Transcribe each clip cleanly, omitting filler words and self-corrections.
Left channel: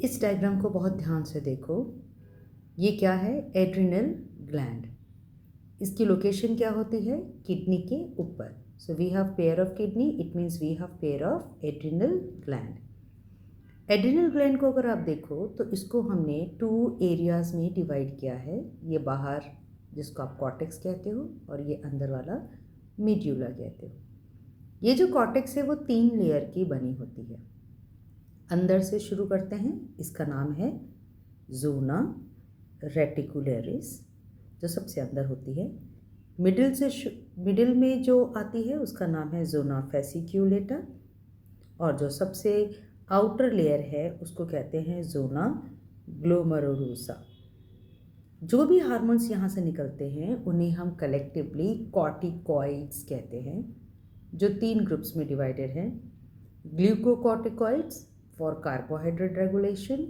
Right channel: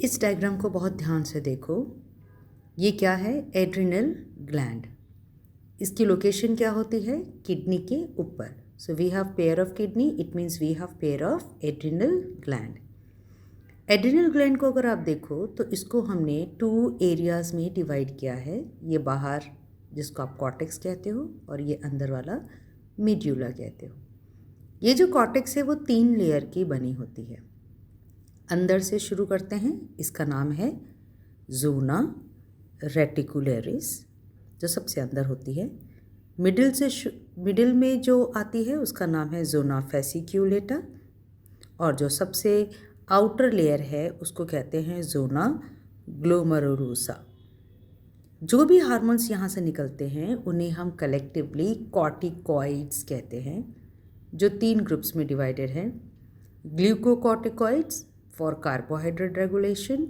इस डायग्राम को बहुत ध्यान से देखो। ये क्या है? Adrenal gland. इसकी लोकेशन क्या होती है? किडनी के ऊपर। So we have pair of kidney, it means we have pair of adrenal gland. Adrenal gland को अगर आप देखो तो इसको हमने 2 एरियाज में डिवाइड किया है। ये बाहर जिसको आप कॉर्टेक्स कहते हो और ये अंदर वाला मेड्यूला कहते हो। ये जो कॉर्टेक्स है वो 3 लेयर की बनी होती है। अंदर से शुरू करते हैं, इसका नाम है जोना रेटिकुलरिस, जो सबसे अंदर होती है। मिडिल में जो आती है उसका नाम है जोना फेसिक्यूलेटा, और जो सबसे आउटर लेयर है उसको कहते हैं जोना ग्लोमेरुलोसा। जो भी हार्मोन्स यहाँ से निकलते हैं उन्हें हम कलेक्टिवली कॉर्टिकॉइड्स कहते हैं, जो 3 ग्रुप्स में डिवाइडेड हैं। ग्लूकोकॉर्टिकॉइड्स फॉर कार्बोहाइड्रेट रेगुलेशन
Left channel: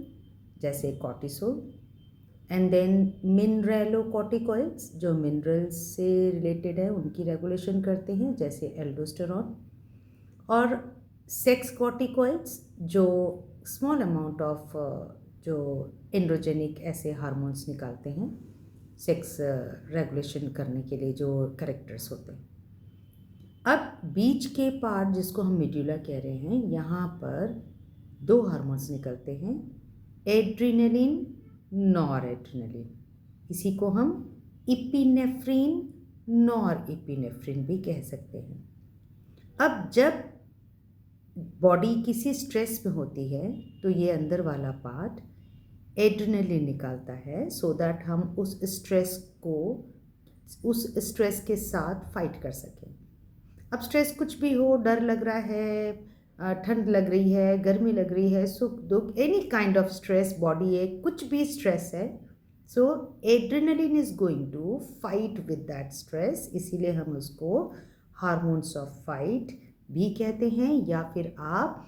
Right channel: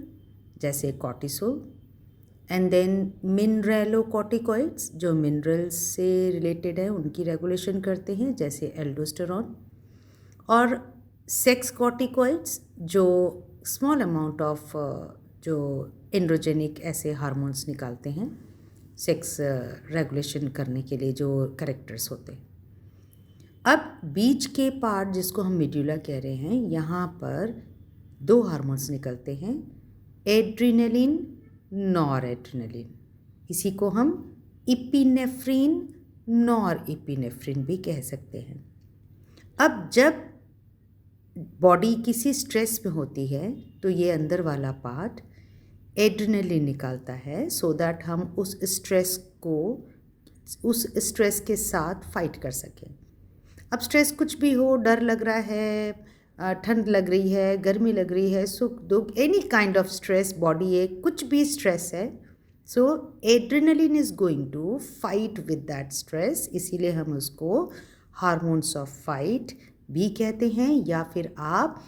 जैसे कॉर्टिसोल, एंड देन मिनरलोकॉर्टिकॉइड्स जो मिनरल्स से रिलेटेड है उनकी रेगुलेशन करते हैं जैसे एल्डोस्टेरॉन, और सेक्स कॉर्टिकॉइड्स जो स्मॉल अमाउंट ऑफ जो एंड्रोजेनिक ऐसे हार्मोन्स निकालते हैं सेक्स रेगुलेशन करने के लिए, जो करेक्टर्स होते हैं। अब बीच के पार्ट जिसको हम मेड्यूला कह रहे हैं, यहाँ पर 2 हार्मोन्स निकलते हैं, एड्रिनलिन, नॉर एड्रिनलिन। इसी को हम इपिनेफ्रिन, नॉर इपिनेफ्रिन भी कह सकते हैं। अब जब बॉडी किसी स्ट्रेस में होती है तो ये अंदर वाला पार्ट एड्रिनलिन निकालता है, सो दैट हम उस स्ट्रेस के साथ फाइट कर सकें। अब स्ट्रेस कुछ भी हो, डर लग रहा है, ठंड लग रही है, गर्मी लग रही है, सुख दुख, any kind of stress, body एक कुछ भी स्ट्रेस है, so adrenaline is going to fight with that stress. इसीलिए हम उसको हार्मोन्स ऑफ फाइट भी कहते हैं, या फिर आप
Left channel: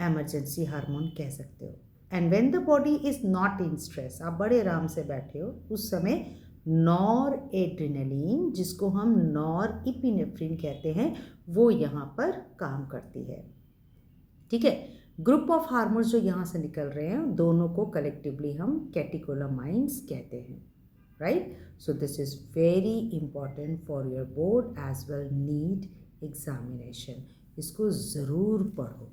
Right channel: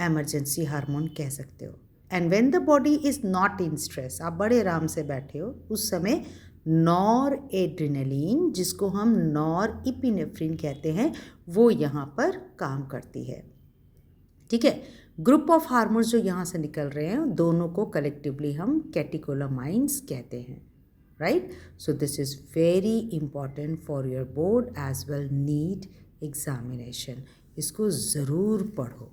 एमरजेंसी हार्मोन कह सकते हो। And when the body is not in stress, आप बड़े आराम से बैठे हो, उस समय नॉर एड्रिनलिन, जिसको हम नॉर इपिनेफ्रिन कहते हैं, वो यहाँ पर काम करती है। ठीक है, ग्रुप ऑफ हार्मोन्स जो यहाँ से निकल रहे हैं दोनों को कलेक्टिवली हम कैटेकोलामाइंस कहते हैं, right. So this is very important for your board as well NEET examination. इसको ज़रूर पढ़ो।